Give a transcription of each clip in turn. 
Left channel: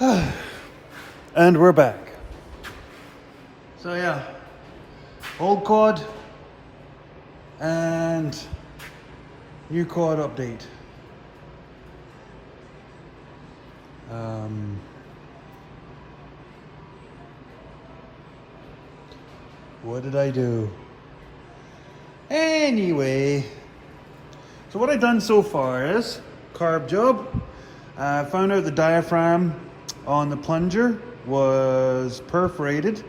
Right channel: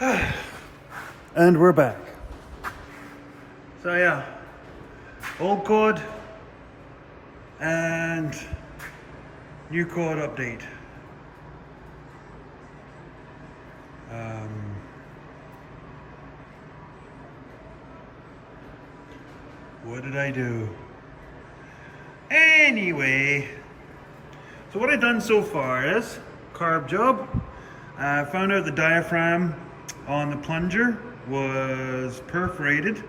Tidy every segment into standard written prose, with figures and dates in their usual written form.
And we're back. So yeah, old code and new code update. What did I do? Anyway, so what I've done so far is carb job. I found out the diaphragm on the plunger was perforated.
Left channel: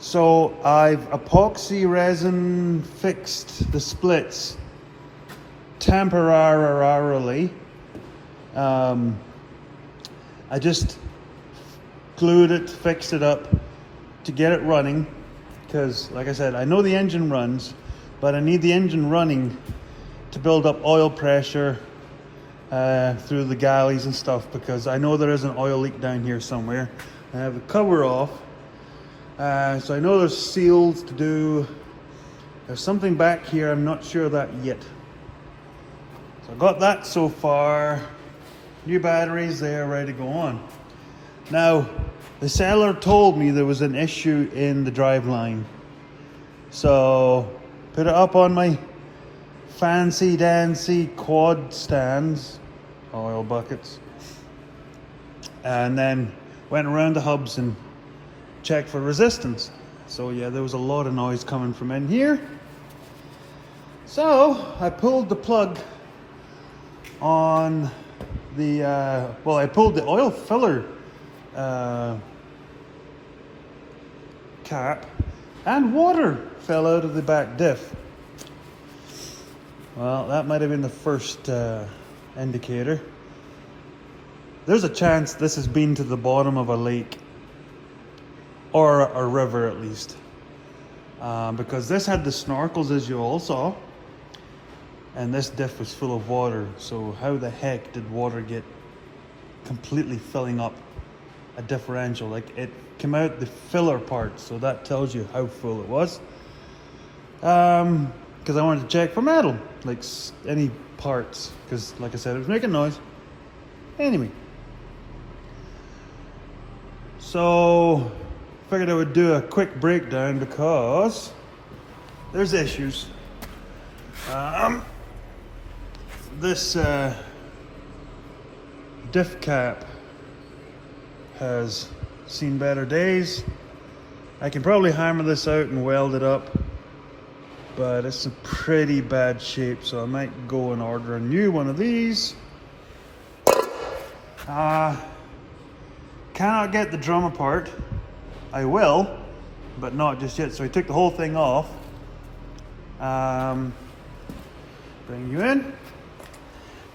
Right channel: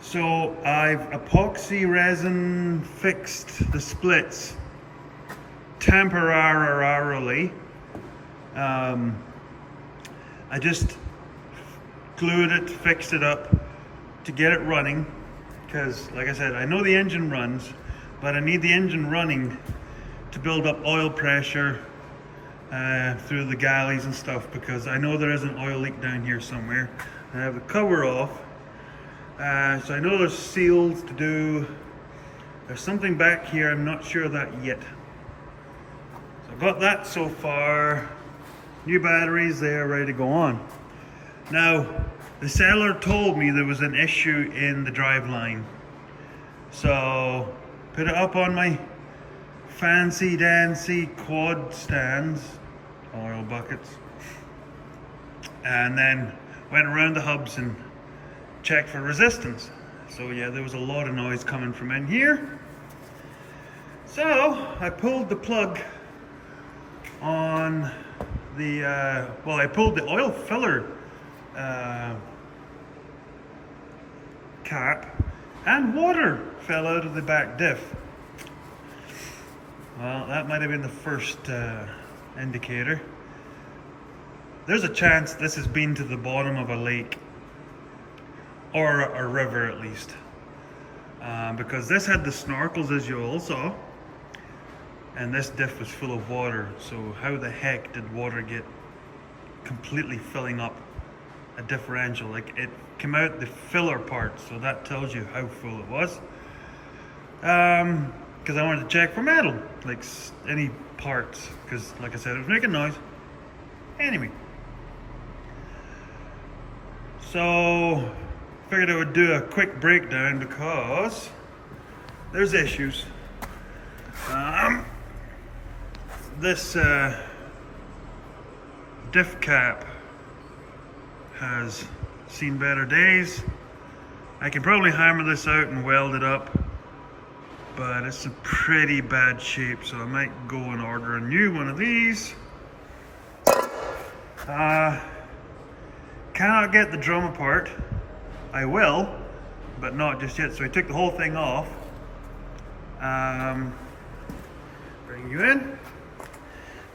So I've epoxy resin fixed the splits temporarily. I just glued it, fixed it up to get it running. Because, like I said, I know the engine runs, but I need the engine running to build up oil pressure through the galleys and stuff, because I know there is an oil leak down here somewhere. I have the cover off, so I know there's seals to do. There's something back here, I'm not sure of that yet. So I got that so far. New batteries there, ready to go on. Now, the seller told me there was an issue in the driveline. So, put it up on my fancy dancy quad stands, oil buckets, and then went around the hubs and checked for resistance. So yeah, there was a lot of noise coming from in here. So, I pulled the plug on the, I pulled the oil filler cap, and water fell out of the back diff. Well, that might have been the first indicator. There's a chance this has been to the bottom of a lake or a river at least, because this had the snorkels, as you all saw, and this diff was full of water. So how the heck did water get completely filling up a differential? Like, it came out the filler part, so that tells you how full it was. Because I wanted to check for metal, like any parts, because like I said, it was making noise. Anyway, so figured I would do a quick breakdown because there's issues. This diff cap has seen better days. I can probably hammer this out and weld it up, but it's in pretty bad shape, so I might go and order a new one of these. Cannot get the drum apart. I will, but not just yet. So I took the whole thing off. Bring you in.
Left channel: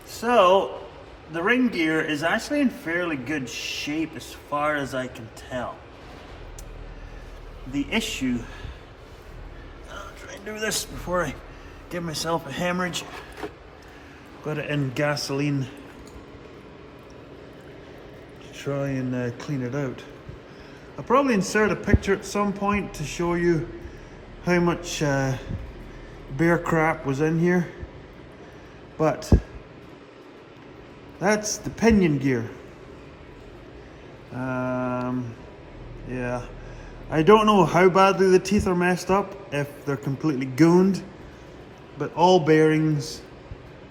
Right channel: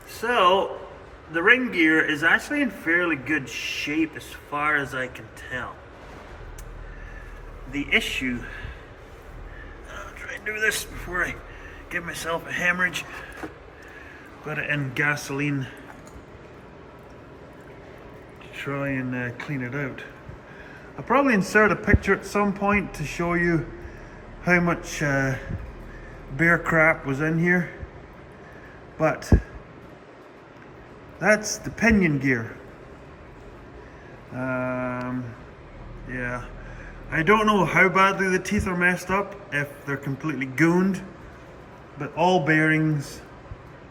So the ring gear is actually in fairly good shape as far as I can tell. The issue, I'll try and do this before I give myself a hemorrhage. Got it in gasoline to try and clean it out. I'll probably insert a picture at some point to show you how much bear crap was in here, but that's the pinion gear. Yeah, I don't know how badly the teeth are messed up, if they're completely gooned, but all bearings,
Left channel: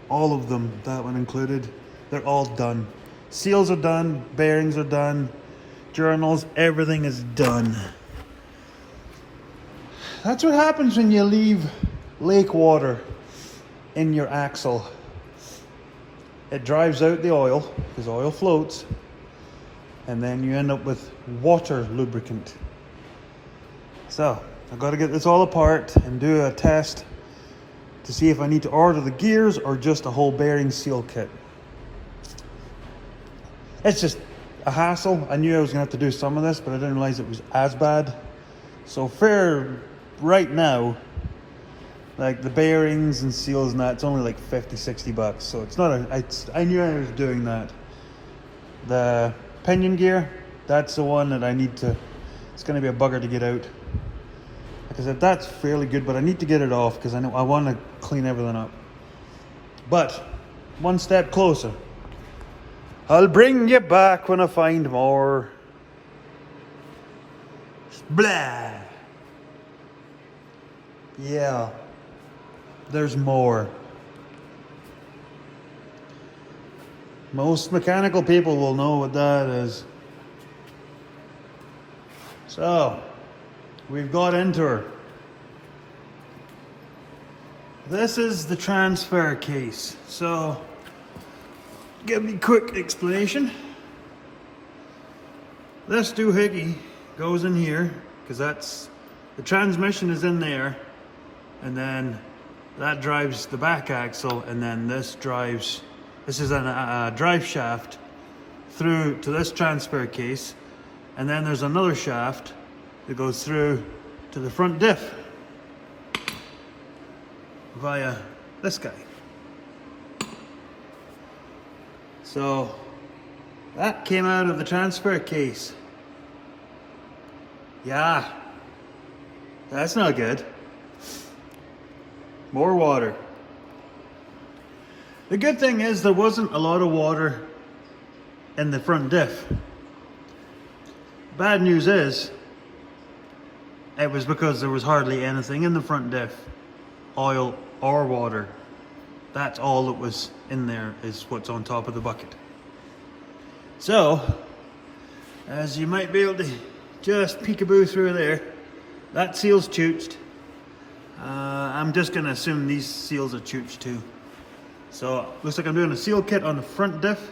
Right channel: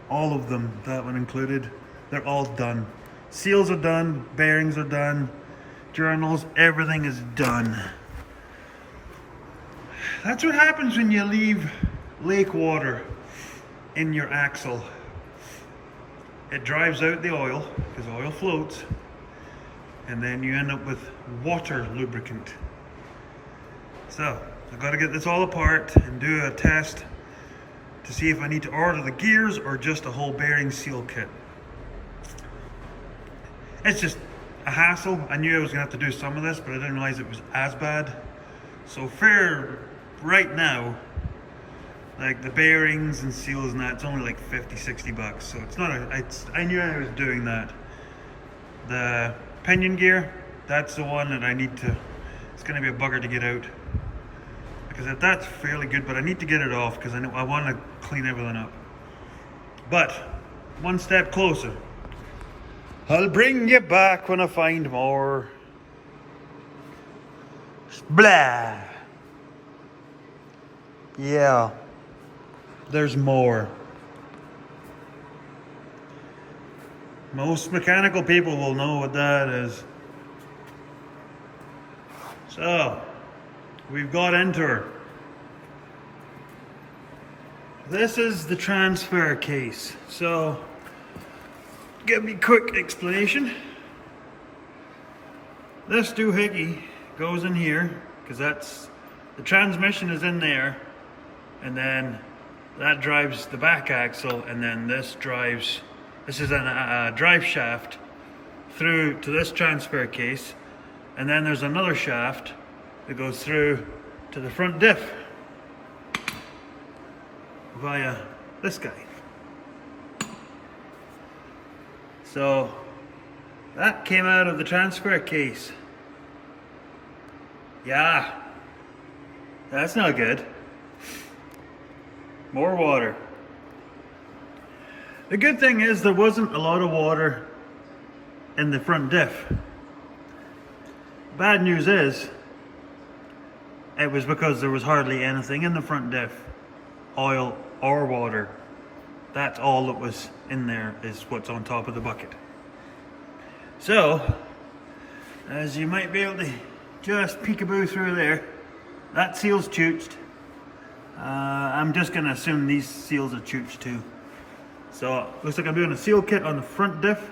all of them, that one included, they're all done. Seals are done, bearings are done, journals, everything is done. That's what happens when you leave lake water in your axle. It drives out the oil, because oil floats, and then you end up with water lubricant. So I've got to get this all apart and do a test to see if I need to order the gears or just a whole bearing seal kit. It's just a hassle. I knew I was gonna have to do some of this, but I didn't realize it was as bad. So fair right now, like the bearings and seals and that, it's only like 50-60 bucks. So it's not I knew I was doing that. The pinion gear, that's the one that I need to, it's gonna be a bugger to get out. Because that's fairly good, but I need to get it off because I want to clean everything up. But one step closer. I'll bring you back when I find more. Blah. Yeah, there's more. Most mechanical people will know what that is. So, we've got into her. This is the transfer case. So, give me a quick explanation. This doohickey goes in here, because that's, the transmission is in there, and then that drives the back axle, and then this drives, this is a drive shaft through to this transfer case, and then there's another shaft that goes through to the front diff via this guy. So that came out of the transfer case. Yeah, that's not good. More water. The good thing is there wasn't a lot of water in the front diff. Bad news is it was because there was hardly anything in the front diff, oil or water. That's all that was in there, is what's on top of the bucket. So, as you might be able to just peekaboo through there, that seal's chooched. I'm just going to assume these seals are chooched too. So, looks like I'm doing a seal kit on the front diff.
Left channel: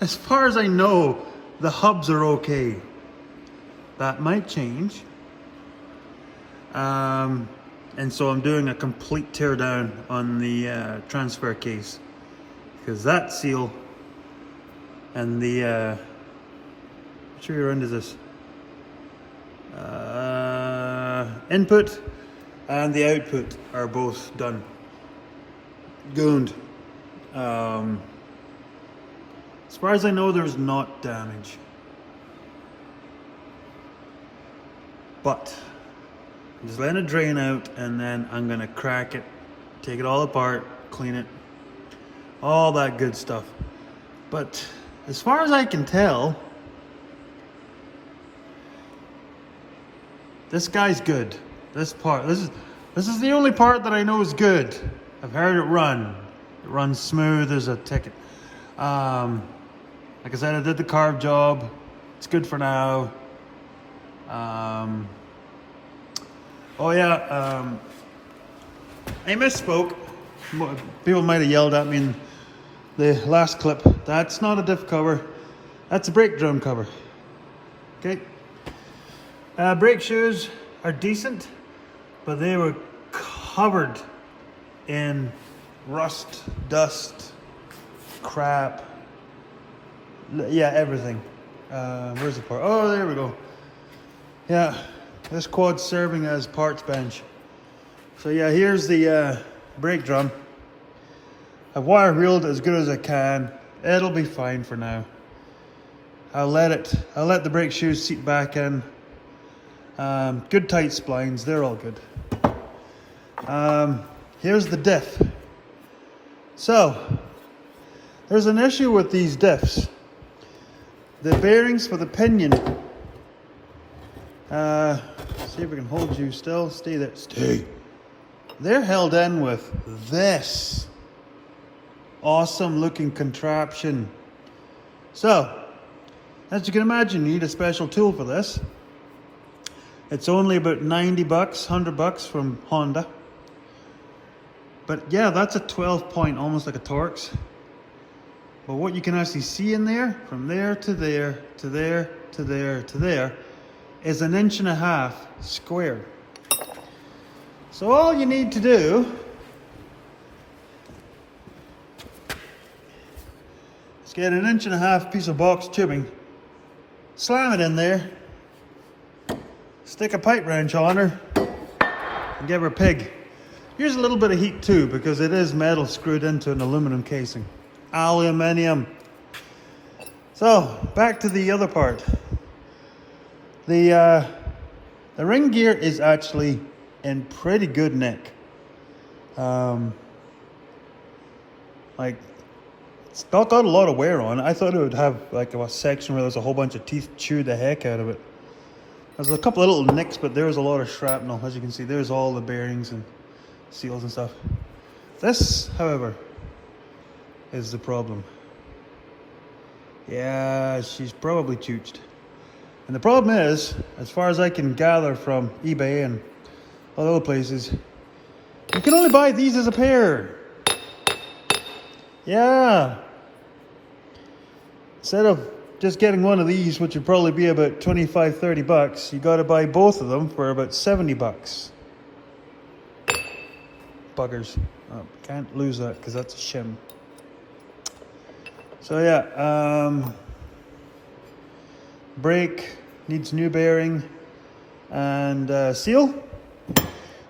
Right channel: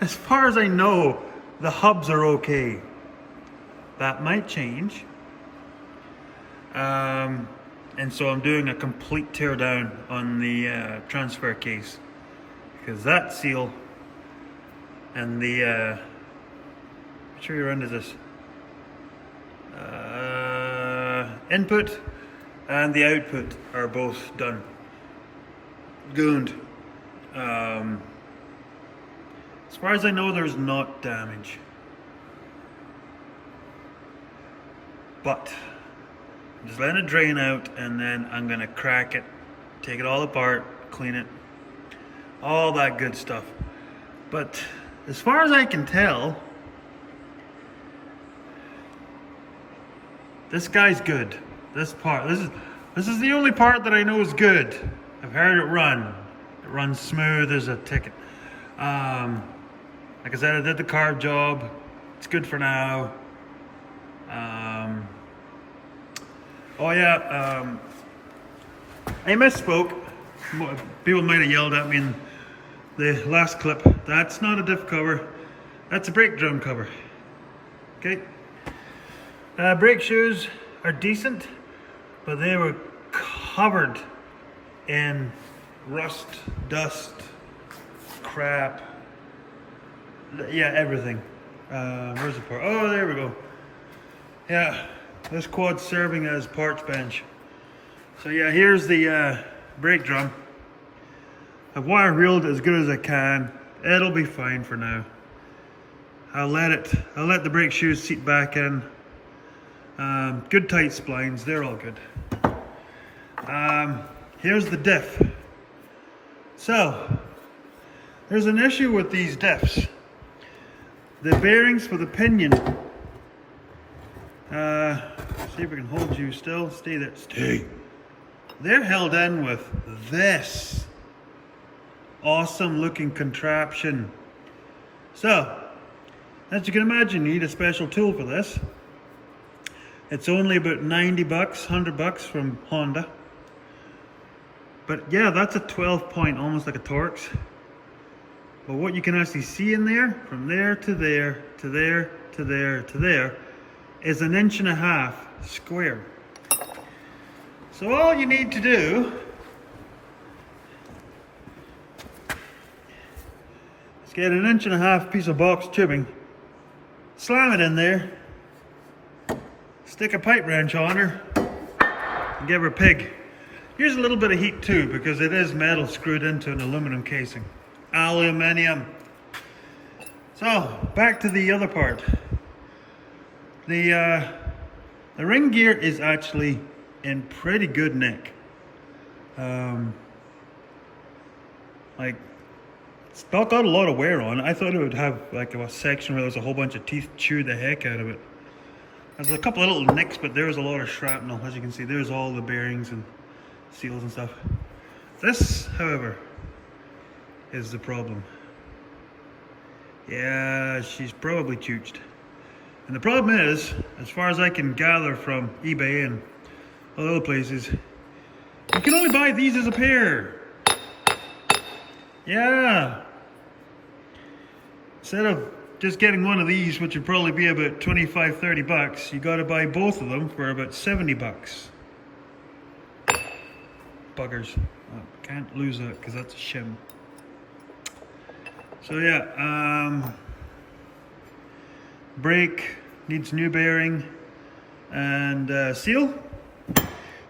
As far as I know, the hubs are okay. That might change. And so I'm doing a complete tear down on the transfer case, because that seal and the which rear is this? Input and the output are both done. Gooned. As far as I know, there's not damage. But I'm just letting it drain out, and then I'm gonna crack it, take it all apart, clean it, all that good stuff. But as far as I can tell, this guy's good. This part, this is the only part that I know is good. I've heard it run. It runs smooth. There's a ticket. Like I said, I did the carb job. It's good for now. Oh yeah, I misspoke. People might have yelled at me in the last clip. That's not a diff cover. That's a brake drum cover. Okay. Brake shoes are decent, but they were covered in rust, dust, crap. Yeah, everything. Where's the part? Oh, there we go. Yeah, this quad's serving as parts bench. So yeah, here's the brake drum. I've wire reeled as good as I can. It'll be fine for now. I'll let the brake shoes seat back in. Good tight splines, they're all good. Here's the diff. So, there's an issue with these diffs. The bearings for the pinion, see if we can hold you still, stay there, stay. They're held in with this awesome looking contraption. So, as you can imagine, you need a special tool for this. It's only about 90 bucks, 100 bucks from Honda. But yeah, that's a 12 point, almost like a Torx. But what you can actually see in there, from there to there, to there, to there, to there, is 1.5 inches square. So all you need to do is get 1.5 inches piece of box tubing, slam it in there, stick a pipe wrench on her, and give her a pig. Use a little bit of heat too, because it is metal screwed into an aluminum casing. Aluminium. So, back to the other part. The ring gear is actually in pretty good nick. On Like, it's not got a lot of wear on it. I thought it would have like a section where there's a whole bunch of teeth chewed the heck out of it. There's a couple of little nicks, but there's a lot of shrapnel. As you can see, there's all the bearings and seals and stuff. This, however, is the problem. Yeah, she's probably chooched. And the problem is, as far as I can gather from eBay and other places, you can only buy these as a pair. Yeah. Instead of just getting one of these, which would probably be about 25, 30 bucks, you gotta buy both of them for about 70 bucks. Buggers. Oh, can't lose that because that's a shim. So yeah, brake needs new bearing and seal,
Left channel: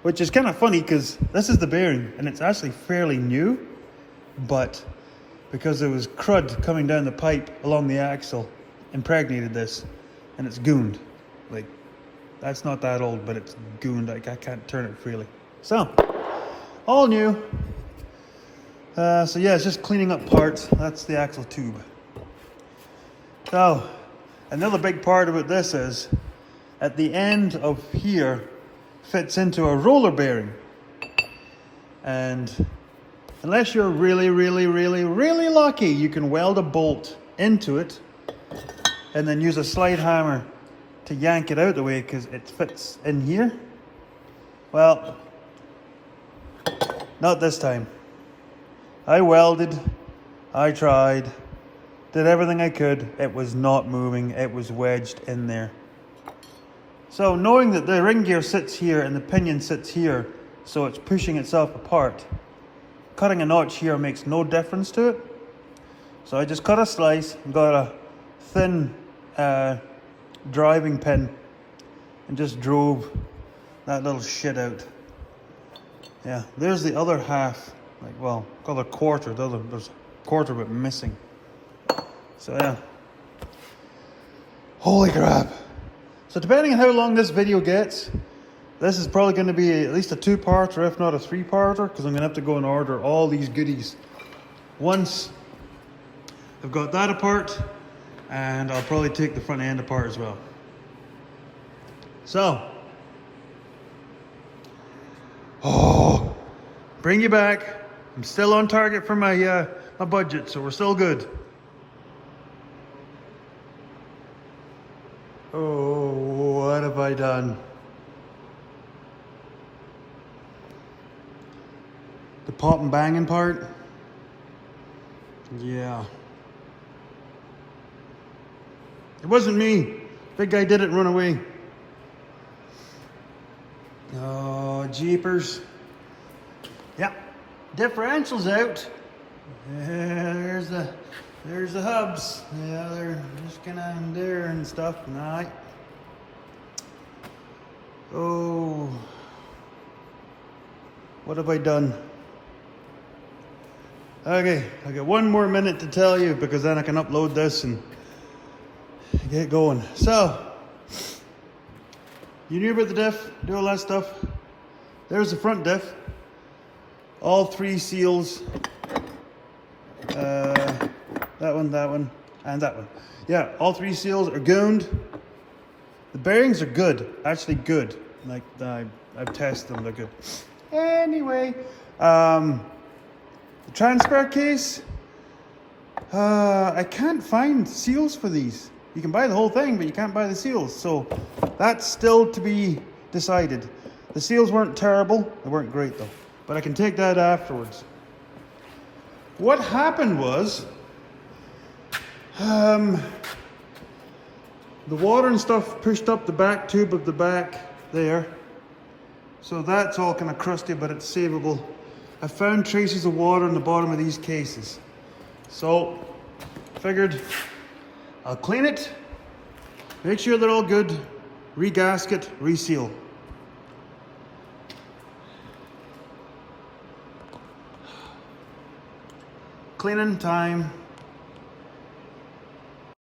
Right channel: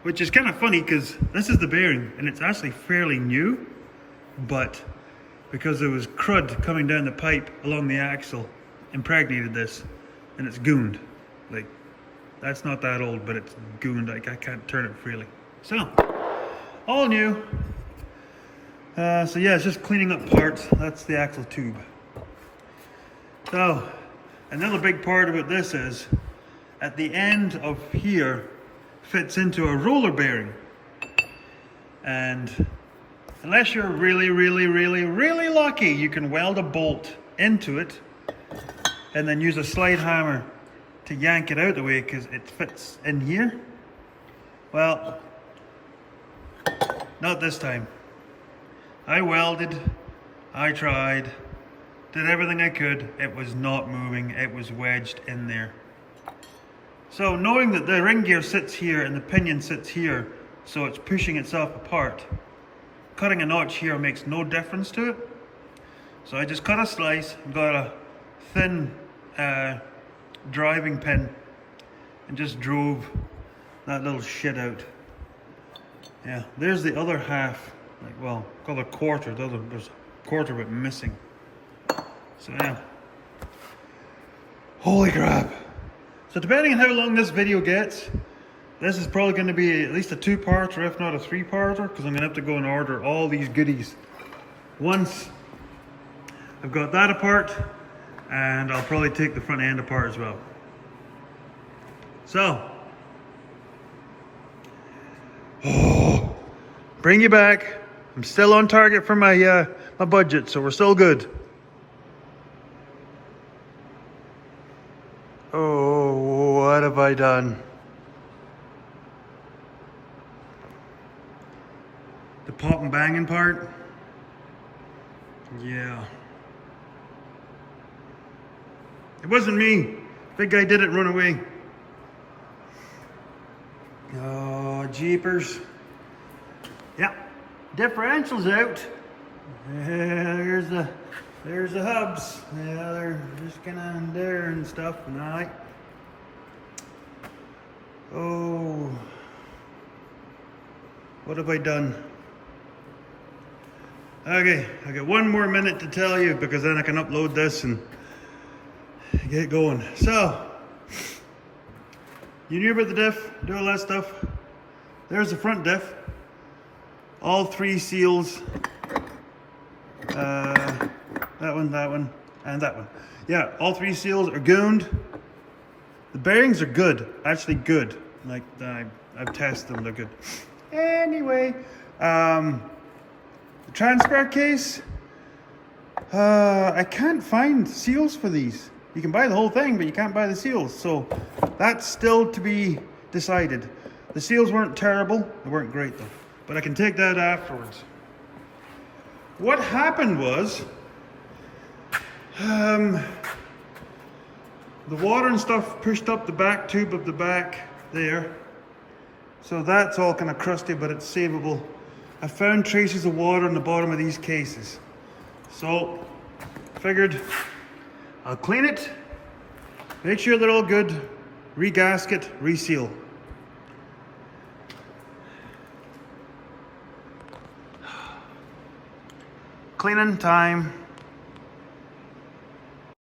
which is kind of funny because this is the bearing and it's actually fairly new, but because there was crud coming down the pipe along the axle, impregnated this, and it's gooned. Like, that's not that old, but it's gooned. Like, I can't turn it freely. So, all new. So yeah, it's just cleaning up parts. That's the axle tube. So, another big part about this is, at the end of here, fits into a roller bearing. And unless you're really, really, really, really lucky, you can weld a bolt into it and then use a slide hammer to yank it out of the way because it fits in here. Well, not this time. I welded, I tried, did everything I could. It was not moving. It was wedged in there. So knowing that the ring gear sits here and the pinion sits here, so it's pushing itself apart, cutting a notch here makes no difference to it. So I just cut a slice and got a thin driving pin and just drove that little shit out. Yeah, there's the other half. Like, well, called a quarter. There's a quarter of it missing. So yeah. Holy crap. So depending on how long this video gets, this is probably going to be at least a 2-parter, if not a 3-parter, because I'm going to have to go and order all these goodies once I've got that apart, and I'll probably take the front end apart as well. So, bring you back. I'm still on target for my my budget, so we're still good. Oh, what have I done? The pop and banging part? Yeah. It wasn't me. Big guy did it and run away. Oh, jeepers. Yeah. Differential's out. Yeah, there's the hubs. Yeah, they're just kinda there and stuff. Nah. Oh. What have I done? Okay, I got one more minute to tell you because then I can upload this and get going. So, you knew about the diff, do all that stuff. There's the front diff. All 3 seals. That one, and that one. Yeah, all 3 seals are gooned. The bearings are good, actually good. Like, I've tested them, they're good. Anyway, the transfer case, I can't find seals for these. You can buy the whole thing, but you can't buy the seals. So that's still to be decided. The seals weren't terrible. They weren't great though. But I can take that afterwards. What happened was, the water and stuff pushed up the back tube of the back there. So that's all kind of crusty, but it's savable. I found traces of water in the bottom of these cases. So, figured I'll clean it, make sure they're all good, re-gasket, reseal. Cleaning time.